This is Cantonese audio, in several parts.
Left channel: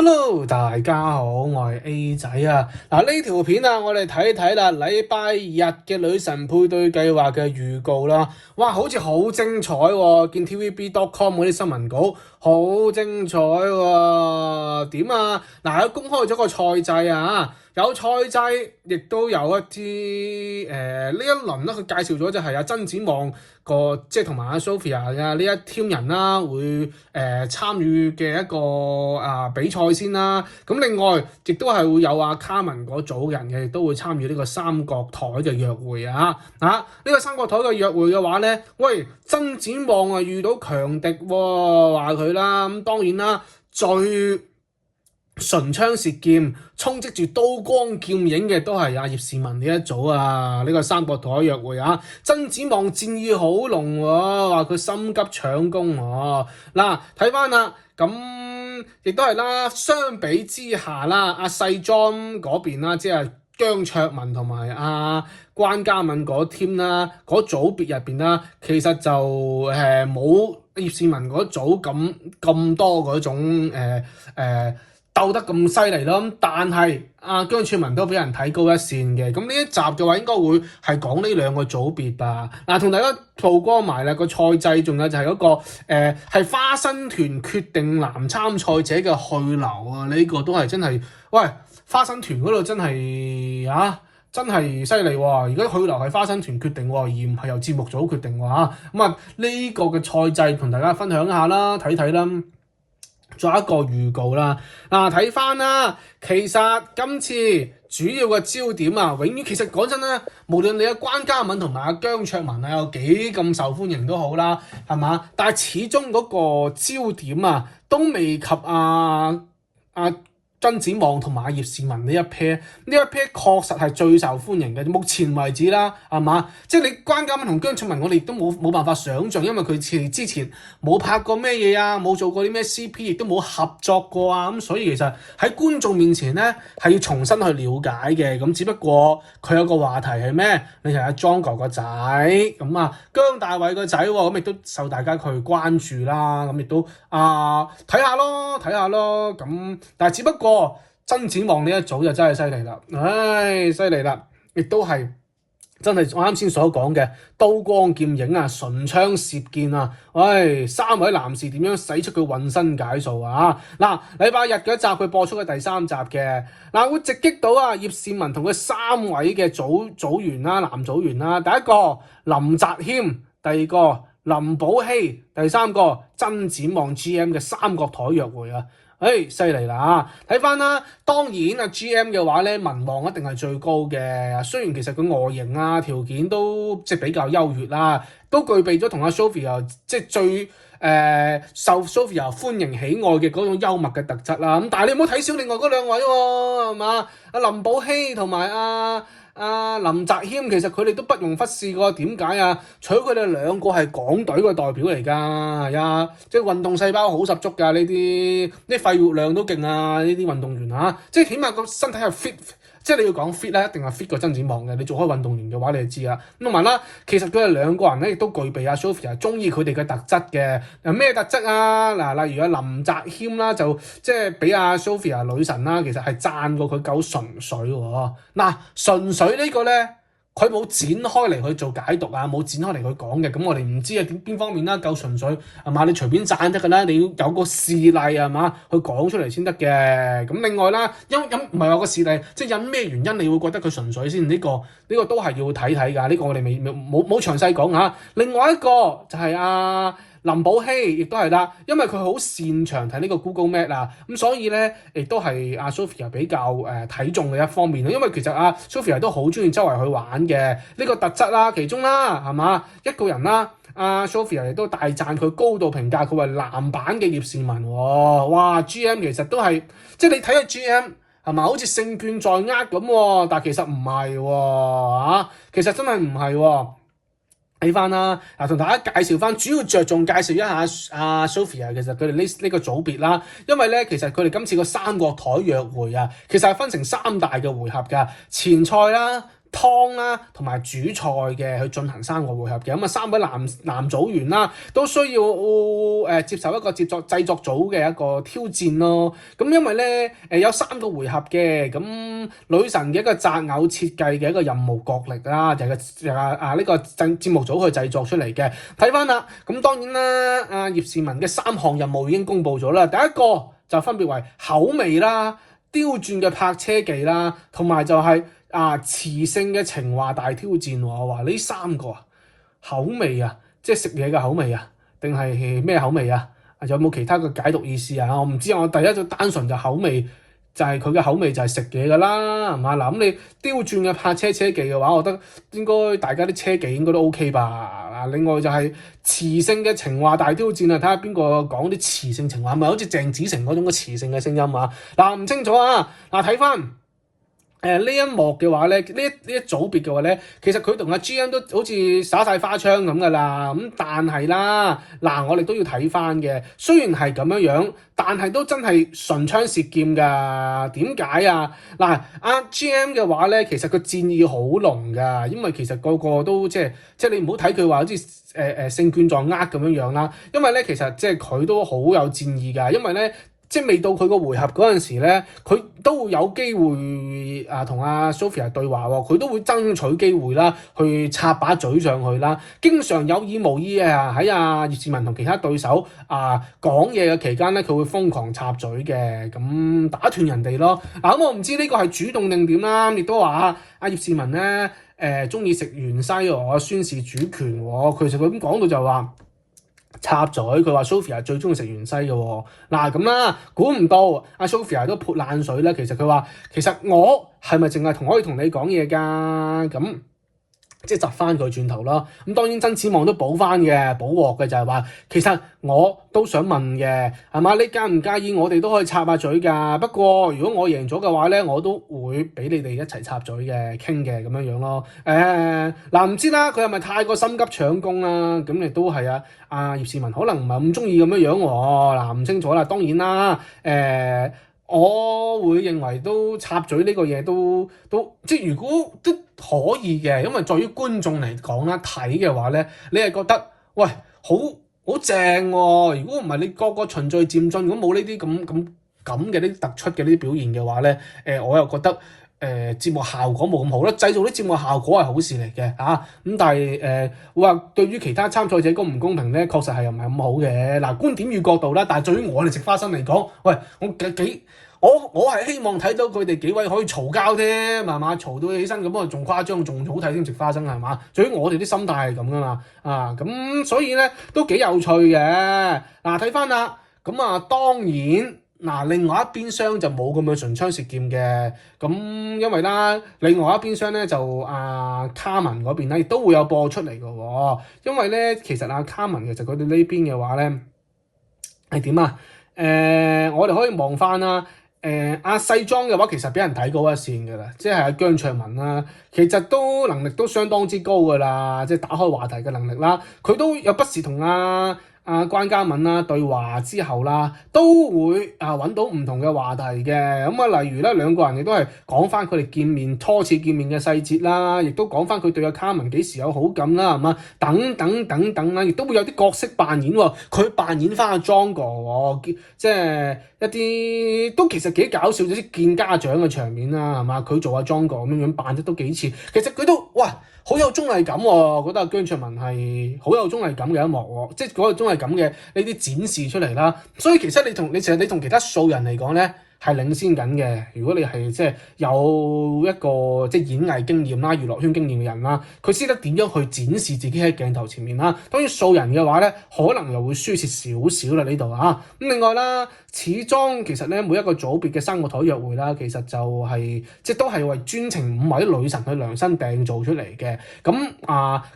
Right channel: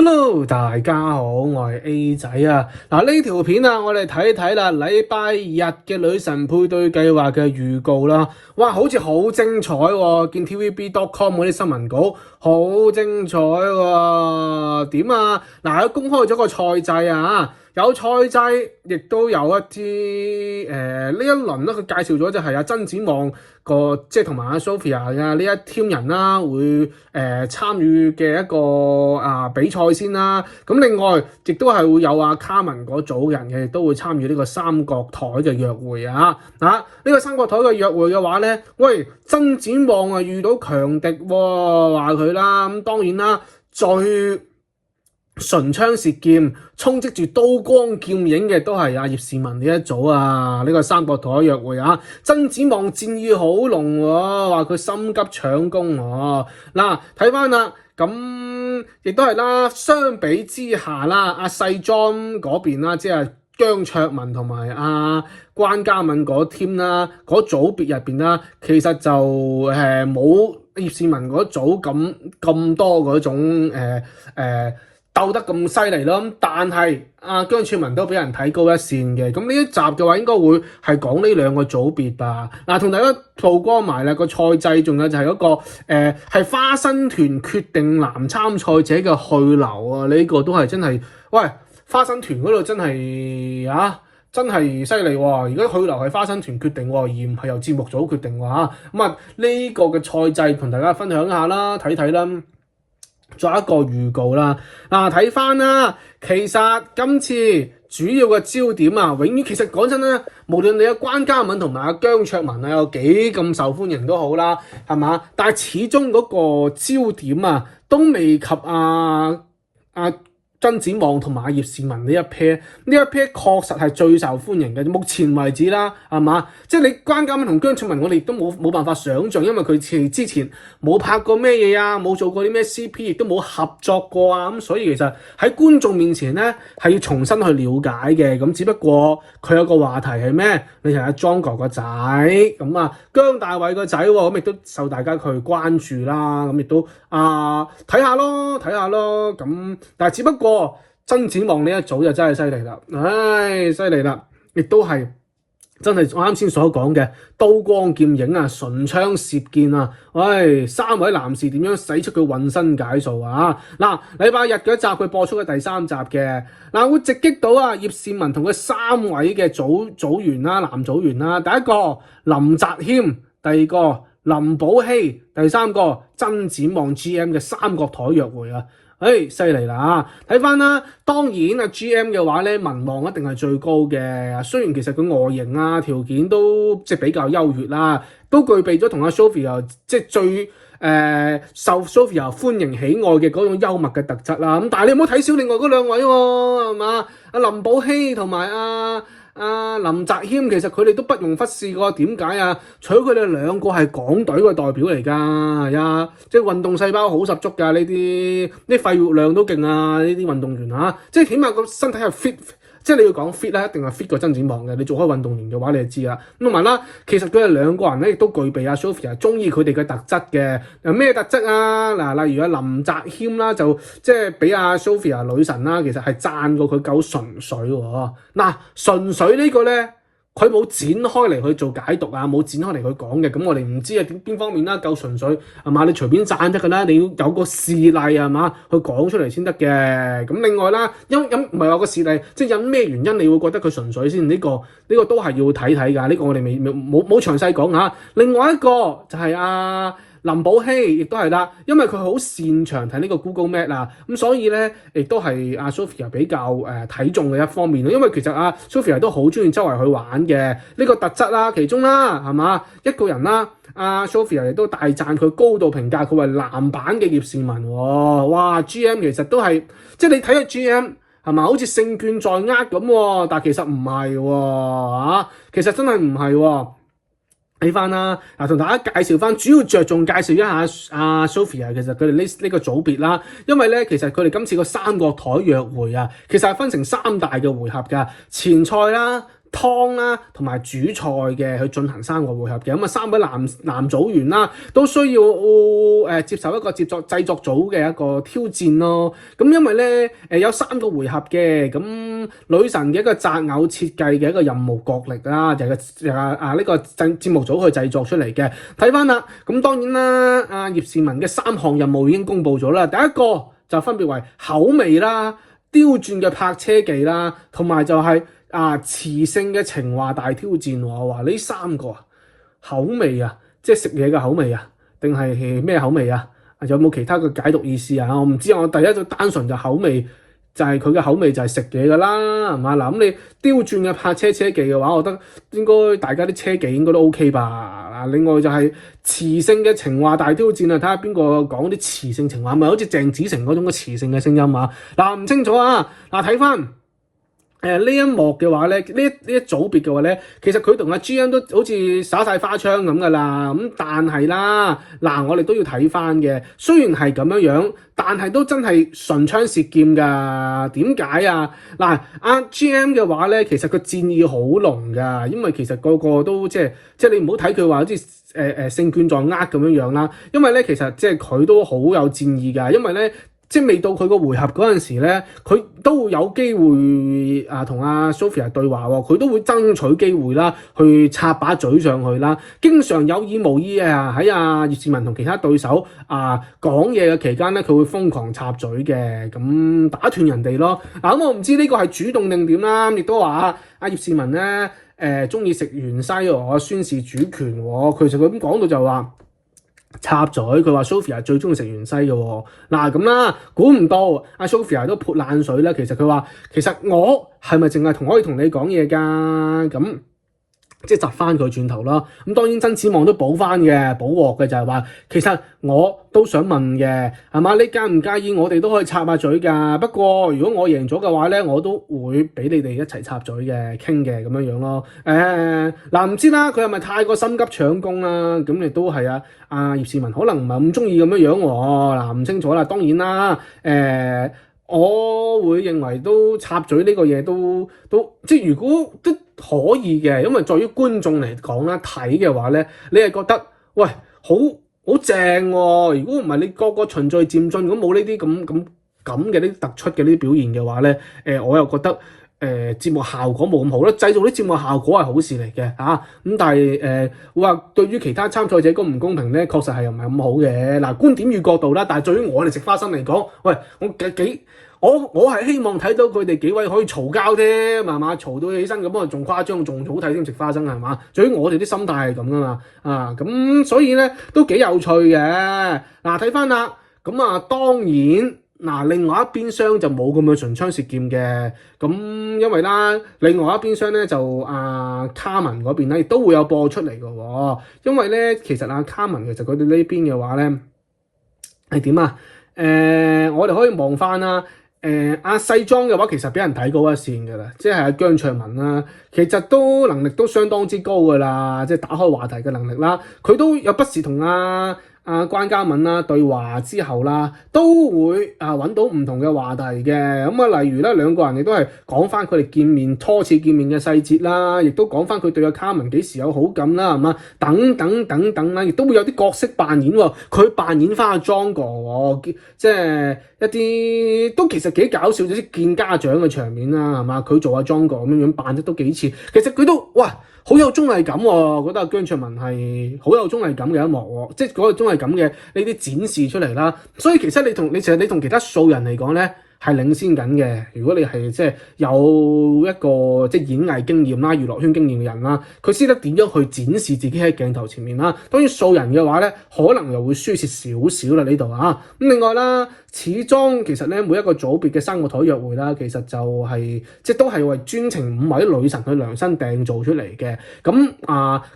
Hello，大家好，我係 A 仔啊。呢條片啊，我哋睇睇啦。禮拜日嘅女神配對計劃嘅預告啦，哇，好似好精彩喎！見 TVB.com 嗰啲新聞稿好精彩喎。點啊？佢公開咗個賽制啊，有賽制，亦都有一啲呢一輪咧，佢介紹咗就係曾展望即係同埋阿 Sophia 啊呢一 team 人啦，會參與嘅一個比賽先啦。咁另外亦都係會有阿卡文嗰組人嘅，亦都會參與呢個三角台嘅約會啊。呢個三角台嘅約會嘅話咧，喂，曾展望啊遇到強敵喎，話佢啦。咁當然啦，最唇槍舌劍、充斥住刀光劍影嘅都係阿葉倩文呢一組啊！呢個三角台約會啊，曾展望戰意好濃喎，話佢心急搶攻喎。睇翻啦，咁亦都係啦。相比之下啦，阿細莊嗰邊啦，即係姜卓文同埋阿關嘉敏嗰 team 啦，嗰組別入邊啦，其實就冇葉倩文嗰組咁多嗰種鬥得咁犀利咯，但係姜卓文都俾人睇高一線嘅。咁呢一集嘅話應該會係講呢兩個組別吧。同大家曝光埋啦個賽制，仲有就係嗰個係花生團決定男參賽者嘅去留啊！呢個都係真係，喂，花生團嗰度真係真係犀利喎！而家去留係花生團決定喎，而唔係由節目組決定喎嚇。呢個嘅賽制同大家分享一下啦，睇睇啦。仲有一個預告啦，睇翻啦，其實今次主要嘅焦點永遠其實講真啦，無論你嘅關嘉敏同埋阿姜卓文有幾咁受歡迎都好啦，係嘛？但係始終嗰個焦點都未及曾展望同埋阿葉倩文呢一 pair 確實係最受歡迎嘅，目前為止啦，係嘛？即係你關嘉敏同姜卓文，我哋都冇辦法想像，因為佢之前冇拍過咩嘢冇做過啲咩 CP， 亦都冇合作過咁所以其實喺觀眾面前咧係要重新去了解嘅。咁只不過佢有個話題係咩？你係阿莊哥個仔，咁姜大衛個仔喎，咁亦都受大家去關注啦。咁亦都睇下咯。咁但係只不過曾展望呢一組就真係犀利啦，犀利啦，亦都係真係我啱先所講嘅刀光劍影唇槍舌劍三位男士點樣使出佢渾身解數禮拜日嘅一集佢播出嘅第三集嘅會直擊到葉倩文同佢三位嘅組員啦，男組員啦，第一個林澤謙，第二個林保禧，第三個曾展望 GM 嘅三角台約會犀利啦！睇翻啦，當然GM 嘅話咧，民望一定係最高嘅。雖然其實佢外形條件都即係比較優越啦，都具備咗同阿 Sophia 即係最受 Sophia 歡迎喜愛嘅嗰種幽默嘅特質啦。咁但係你唔好睇小另外嗰兩位喎，係嘛？阿林保禧同埋林澤謙，其實佢哋都不容忽視㗎。點解除咗佢哋兩個係港隊嘅代表嚟㗎，即係運動細胞好十足㗎。呢啲肺活量都勁呢啲運動員即係起碼個身體係 fit。即係你要講 fit 一定係 fit 過曾展望嘅。你做開運動員嘅話，你就知啦。咁同埋啦，其實佢哋兩個人咧亦都具備Sophia 中意佢哋嘅特質嘅。咩特質例如林澤謙啦，就即係俾Sophia 女神啦，其實係讚過佢夠純粹喎。純粹呢個咧，佢冇展開嚟去做解讀冇展開嚟去講嘅，咁我哋唔知邊方面啦，夠純粹係嘛？你隨便讚得㗎啦，你要有個事例係嘛，去講出嚟先得嘅。咁另外啦，唔係有個事例，即係因咩原因你會覺得佢純粹先？呢個都係要睇睇㗎。呢個我哋冇詳細講另外一個就係林保禧亦都係啦，因為佢好擅長睇呢個 Google Map 咁所以咧亦都係Sophia 比較睇中嘅一方面咯。因為其實Sophia 都好中意周圍去玩嘅呢個特質啦，其中啦係嘛一個人啦，Sophia 亦都大讚佢高度評價佢為男版嘅葉倩文喎。哇 GM 其實都係即係你睇下 GM 係嘛，好似勝券在握咁但係其實唔係喎其實真係唔係喎。睇翻啦，同大家介紹翻，主要着重介紹一下Sophia 其實佢哋呢個組別啦，因為咧其實佢哋今次個三角台約會其實係分成三大嘅回合㗎，前賽啦、湯啦同埋主菜嘅去進行3個回合嘅。咁啊3位男組員啦都需要接受一個製作組嘅一個挑戰咯。咁因為咧有3個回合嘅，咁女神嘅一個擇偶設計嘅一個任務角力啦，就係呢個節目組去製作出嚟嘅。睇翻啦，咁當然啦，阿葉倩文嘅3項任務已經公布咗啦。第一個就分別為口味啦、刁鑽嘅泊車技啦，同埋就係磁性嘅情話大挑戰。我話呢3個口味啊，即係食嘢嘅口味啊，定係咩口味啊？有冇其他嘅解讀意思啊？我唔知，我第一就單純就口味，就係佢嘅口味就係食嘢㗎啦，係嘛？嗱，咁你刁鑽嘅泊車技嘅話，我覺得應該大家啲車技應該都 OK 吧。另外就係磁性嘅情話大挑戰啊，睇下邊個講啲磁性情話，咪好似鄭子誠嗰種嘅磁性嘅聲音啊？唔清楚啊！睇翻。呢一幕嘅話咧，呢一組別嘅話咧，其實佢同阿 GM 都好似耍晒花槍咁噶啦。咁但係啦，我哋都要睇翻嘅。雖然係咁樣，但係都真係唇槍舌劍㗎。點解啊？阿 GM 嘅話咧，其實佢戰意好濃㗎，因為其實個個都即係你唔好睇佢話好似勝券在握咁樣啦。因為咧，其實即係佢都好有戰意㗎，因為咧。即係未到佢個回合嗰陣時咧，佢都會有機會同阿 Sophia 對話喎，佢都會爭取機會啦，去插把嘴上去啦。經常有意無意喺阿葉倩文同其他對手講嘢嘅期間咧，佢會瘋狂插嘴嘅，咁打斷人哋咯。咁我唔知呢個係主動定點啦，亦都話阿葉倩文咧中意食芫茜宣示主權喎。其實佢咁講到就話。插嘴，佢話 Sophia 最中意食芫茜嘅喎。咁啦，估唔到阿 Sophia 都潑冷水啦。其實佢話，其實我係咪淨係可以同你講嘢㗎？咁即係窒翻佢轉頭啦。咁當然曾子望都補鑊嘅就係話，其實我都想問嘅，係嘛？你介唔介意我哋都可以插下嘴㗎？不過如果我贏咗嘅話咧，我都會俾你哋一齊插嘴嘅，傾嘅咁樣咯。唔知啦，佢係咪太過心急搶功啦？咁亦都係阿葉倩文可能唔係咁中意咁樣喎。唔清楚啦。當然啦，我會認為都插嘴呢個嘢都即係如果都可以嘅，因為在於觀眾嚟講啦，睇嘅話咧，你係覺得喂好正喎。如果唔係你個循序漸進，如果冇呢啲咁嘅啲突出嘅呢啲表現嘅話咧，我又覺得節目效果冇咁好啦。製造啲節目效果係好事嚟嘅咁但係話對於其他參賽者公唔公平咧，確實係又唔係咁好嘅。觀點與角度啦，但係對於我哋食花生嚟講，喂我係希望睇到佢哋幾位可以嘈交添，係嘛？嘈到起身咁啊，仲誇張，仲好睇添，食花生係嘛？至於我哋啲心態係咁噶嘛咁所以咧都幾有趣嘅。睇翻啦，咁當然另外一邊廂就冇咁嘅唇槍舌劍嘅，咁因為啦，另外一邊廂咧就卡文嗰邊咧亦都會有播出嚟嘅喎，因為咧其實卡文其實佢哋呢邊嘅話咧係點我哋可以望翻啦。細莊嘅話其實俾人睇高一線㗎啦，即係阿姜卓文啦，其實都能力都相當之高㗎啦，即係打開話題嘅能力啦，佢都有不時同關嘉敏啦對話之後啦，都會揾到唔同嘅話題嘅。例如咧兩個人亦都係講翻佢哋初次見面嘅細節啦，亦都講翻佢對阿卡文幾時有好感啦，係嘛？等等啦，亦都會有啲角色扮演喎，佢扮演翻阿莊哥即係一啲都其實幾搞笑，啲見家長嘅場面啦，係嘛？佢做阿莊哥咁樣扮得都幾似，其實佢都好有綜藝感喎，我覺得姜卓文係好有綜藝感嘅一幕喎，即係嗰個綜藝感嘅呢啲展示出嚟啦。所以其實你同其他素人嚟講咧係領先緊嘅。如果你係即係有一個即係演藝經驗啦、娛樂圈經驗嘅人啦，佢識得點樣去展示自己喺鏡頭前面啦。當然素人嘅話咧，可能又會輸蝕少少啦呢度咁另外啦，始終其實咧每一個組別嘅3個台約會啦，其實就係即係都係為專程5位女神去量身訂造出嚟嘅。咁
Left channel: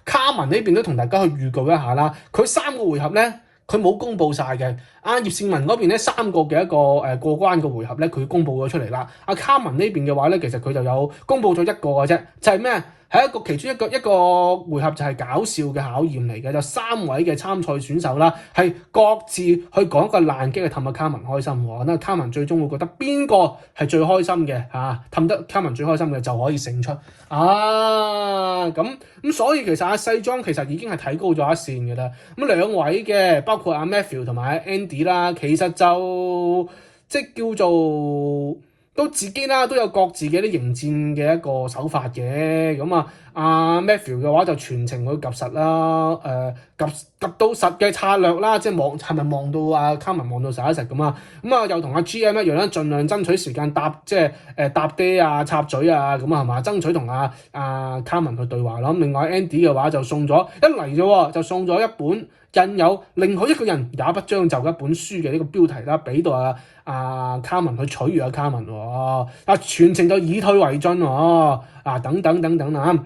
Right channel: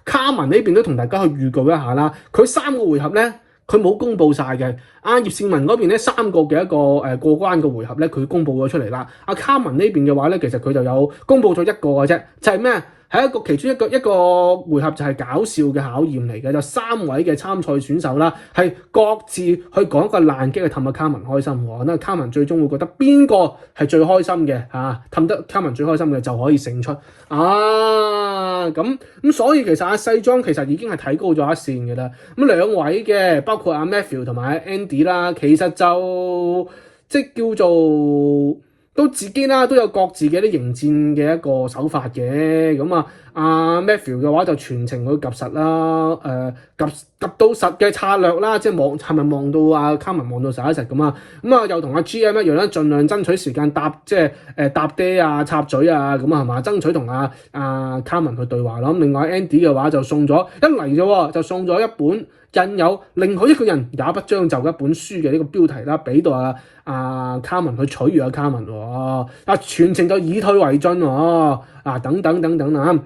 卡文呢邊都同大家去預告一下啦，佢3個回合咧，佢冇公佈晒嘅。葉倩文嗰邊咧3個嘅一個過關嘅回合咧，佢公佈咗出嚟啦。卡文呢邊嘅話咧，其實佢就有公佈咗一個嘅啫，就係咩？係其中一個回合就係搞笑嘅考驗嚟嘅，就3位嘅參賽選手啦，係各自去講一個爛機去氹阿卡文開心喎。咁卡文最終會覺得邊個係最開心嘅氹得卡文最開心嘅就可以勝出咁所以其實西裝其實已經係睇高咗一線嘅啦。咁兩位嘅包括阿 Matthew 同埋 Andy 啦，其實就即係叫做。都自己啦，都有各自嘅啲迎戰嘅一個手法嘅。咁Matthew 嘅話就全程去及實啦，及到實嘅策略啦，即係係咪望到卡文望到實一實咁啊？又同GM 一樣啦，盡量爭取時間搭爹插嘴咁係嘛？爭取同卡文去對話啦。另外 Andy 嘅話就送咗一嚟啫，就送咗一本印有另外一個人也不將就一本書嘅呢個標題啦，俾到卡文去取悅卡文喎，全程就以退為進喎，等等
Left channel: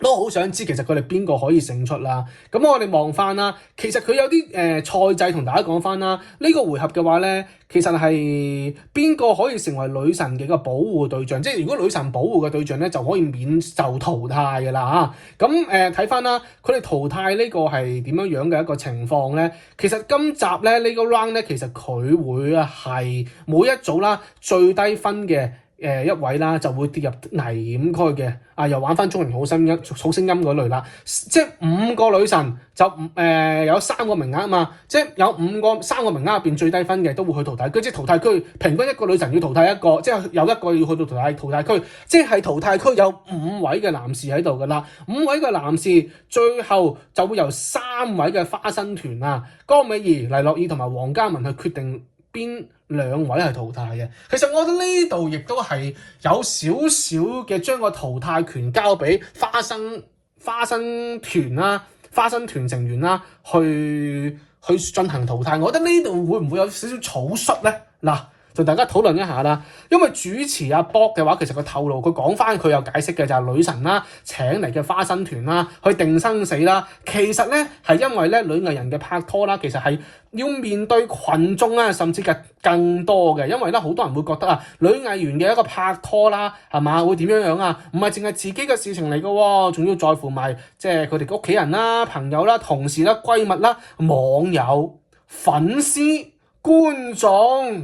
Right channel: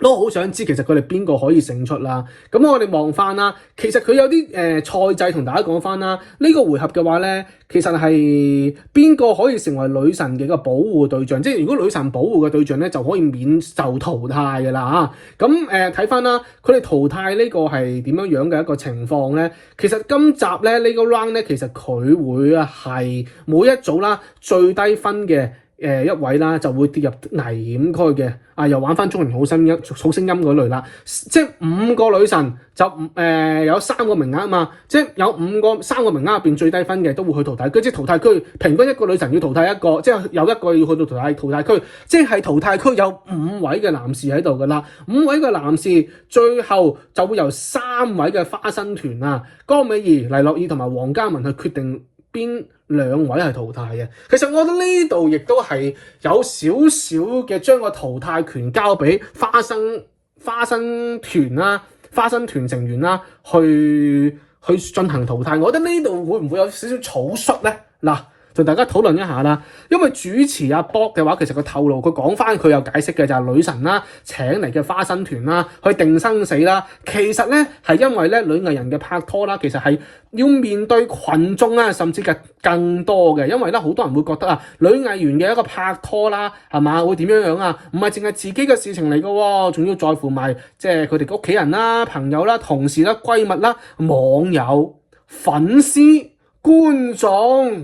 都好想知其實佢哋邊個可以勝出啦。咁我哋望翻啦，其實佢有啲賽制同大家講翻啦。呢個回合嘅話咧，其實係邊個可以成為女神嘅一個保護對象？即係如果女神保護嘅對象咧，就可以免受淘汰嘅啦嚇。咁睇翻啦，佢哋淘汰呢個係點樣嘅一個情況咧？其實今集咧呢個 round 咧，其實佢會係每一組啦最低分嘅。一位啦就會跌入危險區嘅，又玩翻中年好聲音嗰類啦，即係5個女神就有3個名額啊嘛，即係有3個名額入邊最低分嘅都會去淘汰區，即係淘汰區平均1個女神要淘汰1個，即係有1個要去到淘汰區，即係淘汰區有5位嘅男士喺度噶啦，5位嘅男士最後就會由3位嘅花生團江美儀、黎諾懿同埋黃嘉文去決定邊2位係淘汰嘅。其實我覺得呢度亦都係有少少嘅將個淘汰權交俾花生團啦、花生團成員啦，去進行淘汰。我覺得呢度會唔會有少少草率咧？嗱，就大家討論一下啦。因為主持Bob 嘅話，其實佢透露佢講翻佢有解釋嘅就係女神啦請嚟嘅花生團啦去定生死啦。其實咧係因為咧女藝人嘅拍拖啦，其實係要面對群眾甚至更多嘅。因為咧好多人會覺得女藝員嘅一個拍拖啦係嘛會點樣唔係淨係自己嘅事情嚟嘅喎，仲要在乎埋即係佢哋屋企人啦、朋友啦、同事啦、閨蜜啦、網友、粉絲、觀眾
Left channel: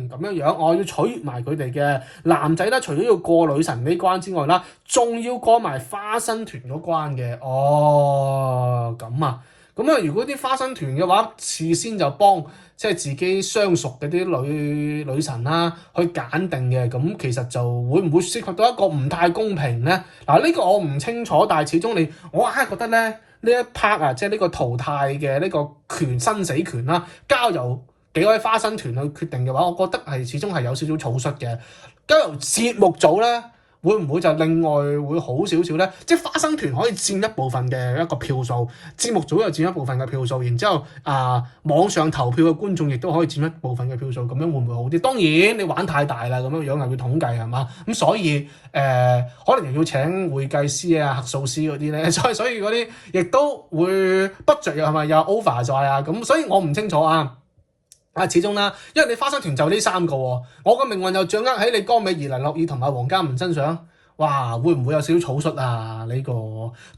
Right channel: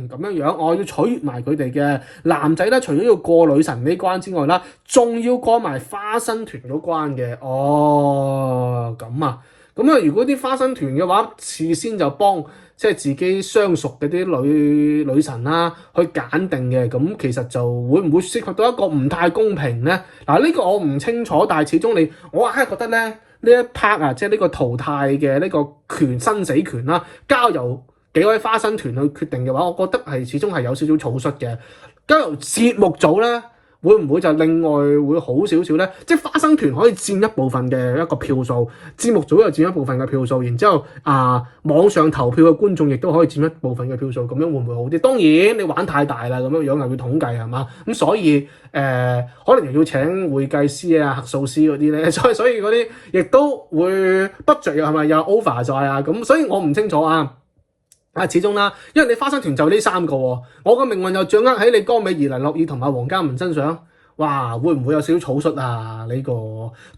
咁樣，我要取悅埋佢哋嘅男仔咧，除咗要過女神呢關之外啦，仲要過埋花生團嗰關嘅。咁如果啲花生團嘅話，事先就幫即係自己相熟嘅啲女神啦去揀定嘅，咁其實就會唔會涉及到一個唔太公平咧？呢個我唔清楚，但係始終我係覺得咧呢一 part 即係呢個淘汰嘅呢個生死權啦，交由幾位花生團去決定嘅話，我覺得係始終係有少少草率嘅。交由節目組咧，會唔會就另外會好少少咧？即係花生團可以佔一部分嘅一個票數，節目組又佔一部分嘅票數，然之後網上投票嘅觀眾亦都可以佔一部分嘅票數，咁樣會唔會好啲？當然你玩太大啦，咁樣又要統計係嘛？咁所以可能又要請會計師核數師嗰啲咧，所以嗰啲亦都會 budget 又係咪又 over 咗咁？所以我唔清楚始終啦，因為你花生團就呢3個喎，我嘅命運就掌握喺你江美儀、黎諾懿同埋黃嘉文身上。哇，會唔會有少少草率呢個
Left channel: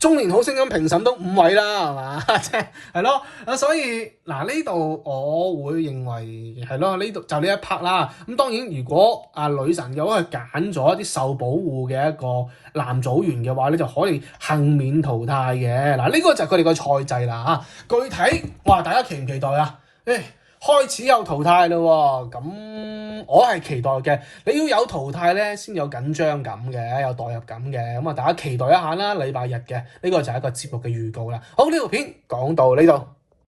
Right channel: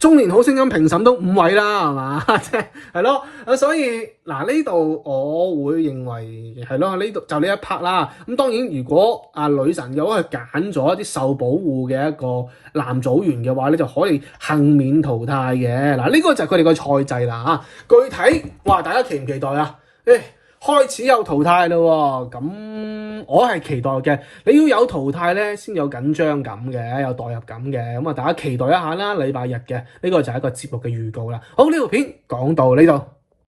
中年好聲音評審都5位啦，係嘛？即係咯，所以呢度我會認為係咯，呢度就呢一 part 啦。咁當然，如果女神有去揀咗一啲受保護嘅一個男組員嘅話咧，就可以幸免淘汰嘅。呢個就係佢哋個賽制啦。具體大家期唔期待開始有淘汰啦喎，咁我係期待嘅。你要有淘汰咧，先有緊張感嘅，有代入感嘅。大家期待一下啦，禮拜日嘅呢個就係一個節目嘅預告啦。好，呢條片講到呢度。